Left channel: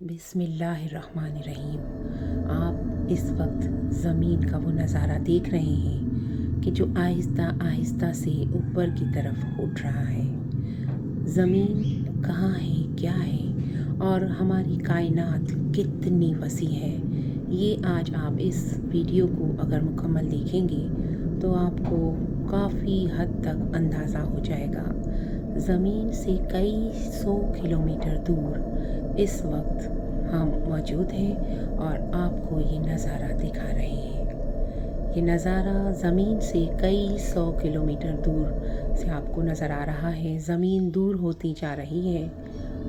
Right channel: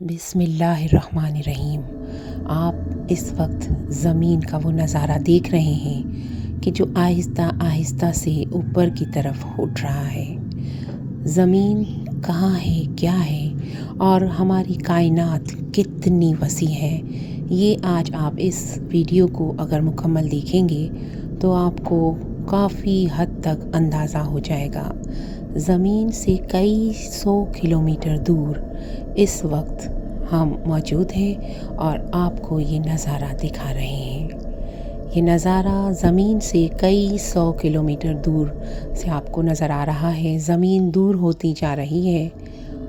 बिस्मिल्लाहिर्रहमानिर्रहीम। आप इस वक्त ज़मीन का वो नज़ारा देख रहे हैं कि जो आहिस्ता आहिस्ता से ऊपर की तरफ उठ रहा है। ज़मीन कहाँ है, क्या है और हमारी कायनात कितनी वसी है, ये आज आप इस वीडियो को अगर मुकम्मल देखेंगे तो आपको काफ़ी हद तक अंदाज़ा हो जाएगा। ज़मीन से कई 100 किलोमीटर दूर इस वक्त हम मौजूद हैं और आपको ये नज़ारा दिखा रहे हैं। ये नज़ारा ज़मीन से कई 100 किलोमीटर दूर से आपको नज़र आ रहा है। ज़मीन दूर होती जा रही है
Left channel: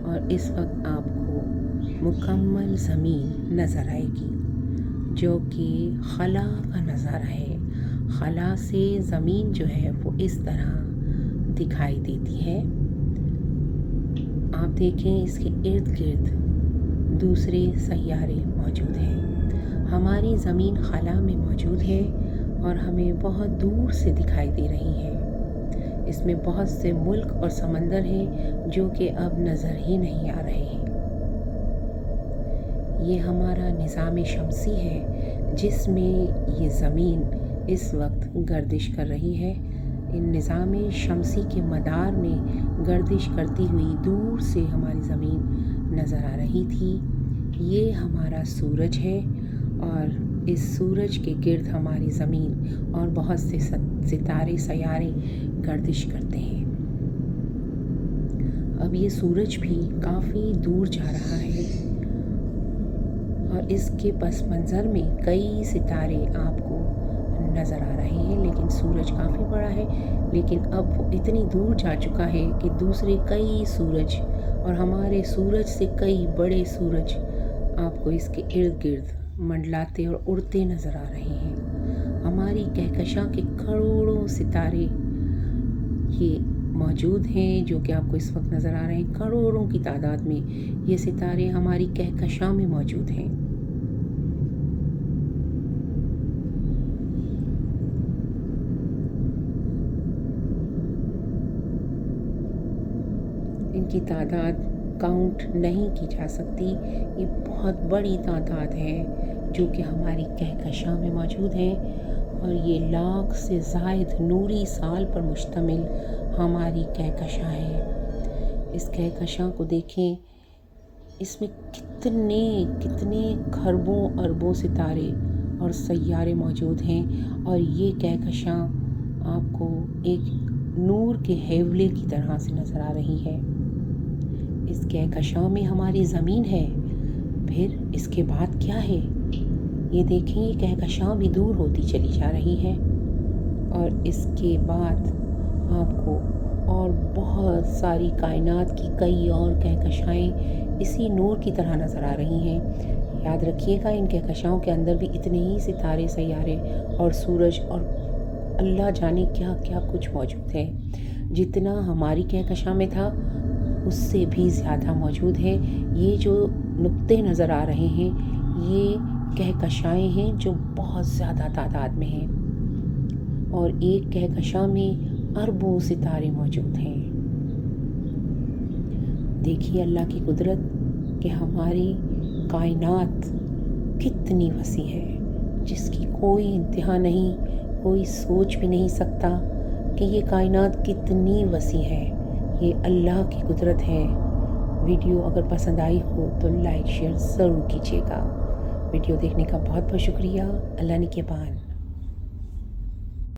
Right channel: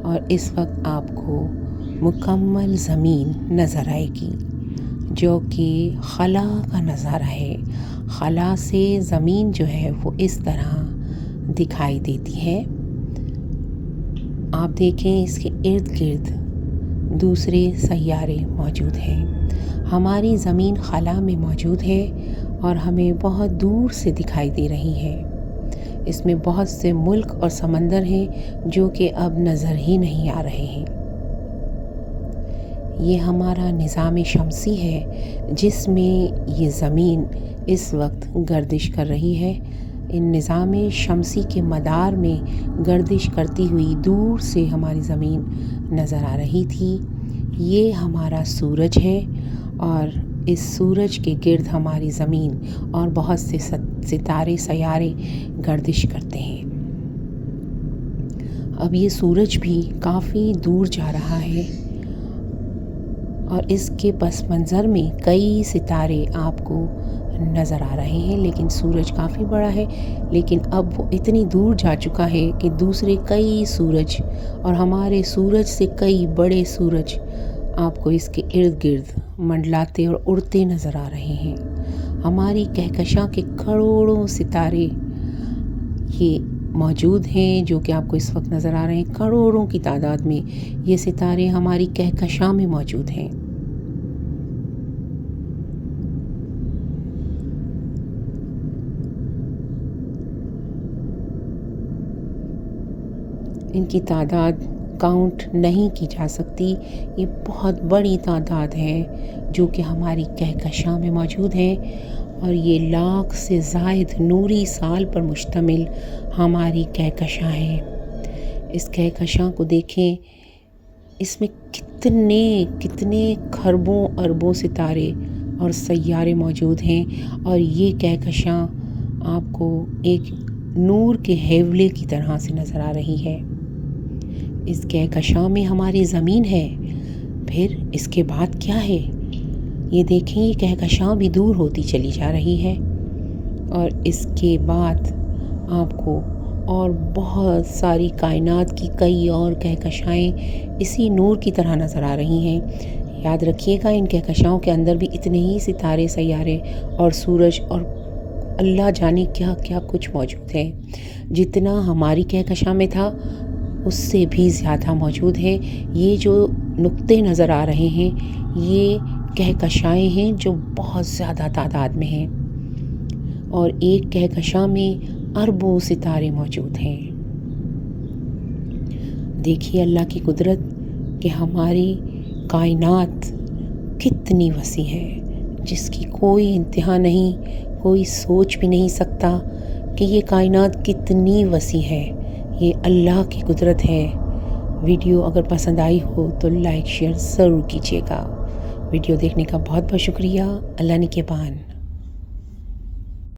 और इस वक्त आपको मुकम्मल ज़मीन नज़र आएगी, जो कि खला का नज़ारा है। खला से ज़मीन जो है वो इस तरह दिखाई देती है। आप देखें, इसके इर्द गिर्द दूसरे सैयारे मौजूद हैं। हमारी ज़मीन खला में मौजूद है और हमें बहुत दूर से दिखाई दे रही है। इसमें बहुत से मुल्क और समंदर हैं जो कि अब नज़र ही नहीं आ रहे हैं। ये हमारा निज़ाम शमसी है जिसमें ये ज़मीन इस वक्त गर्दिश कर रही है। इन निज़ाम शमसी के मदार में गर्दिश करती हुई दूर से हमारी ज़मीन नज़र आ रही थी। ये हमारा सूरज है और इस सूरज के गिर्द हमारी ज़मीन और बहुत से सितारे सैयारे गर्दिश करते हैं। अब ये सूरज भी काफ़ी दूर जा रहा है और इसके पस मंज़र में कई सितारे आपको नज़र आ रहे हैं, लेकिन सूरज काफ़ी बड़ा है। लेकिन अब वो इतनी दूर जा चुका है कि दूसरे कई सूरज और हमारे सूरज से कई बड़े सूरज आपको इसके इर्द गिर्द मंडलाते और उड़ते नज़र आ रहे हैं। हमारी कहकशां के करोड़ों सितारे ये मौजूद हैं जो कि आपको इस वक्त नज़र आ रहे हैं। करोड़ों की तादाद में ये सितारे हमारी कहकशां में मौजूद हैं। इनकी तादाद काउंट नहीं की जा सकती। ये बहुत बड़ी तादाद है जो कि हमारी कहकशां में मौजूद है और ये लाख से ज़ायद नूरी साल पर मुश्तमिल हमारी कहकशां है। इस कहकशां को देखें, इसमें कितने कितने खरबों अरबों सितारे और सैयारे मौजूद हैं और ये कहकशां आपको एक नूर के हेवले की तरह से नज़र आ रही है। इस कहकशां में हमारी ज़मीन है, फिर इसके बाद क्या है ये देखें। ये कहकशां भी दूर होती चली जा रही है और इसके बाद आपको और बहुत सारी कायनात की कई और कहकशाएं इसी नूर की तरह नज़र आ रही हैं। याद रखिएगा, इन कहकशाओं के अंदर भी इतने ही सितारे सैयारे और सूरज और अल्लाह जाने क्या क्या कुछ मौजूद है। जितना हमारी कहकशां में था उससे भी ज़्यादा मौजूद है। ये जो नुक्ते नज़र आ रहे हैं ये कहकशाएं हैं जो बहुत ज़्यादा तादाद में हैं और एक कहकशां में अरबों सितारे मौजूद हैं। देखिए अल्लाह की कुदरत कि हमारी कायनात कितनी वसी है जिसकी कोई इंतहा नहीं, कोई सोच भी नहीं सकता कि ये कायनात कितनी वसी है। ये अल्लाह की कुदरत है। वीडियो अगर पसंद आई हो तो लाइक शेयर ज़रूर कीजिएगा। वीडियो देखने का बहुत बहुत शुक्रिया। अल्लाह निगहबान।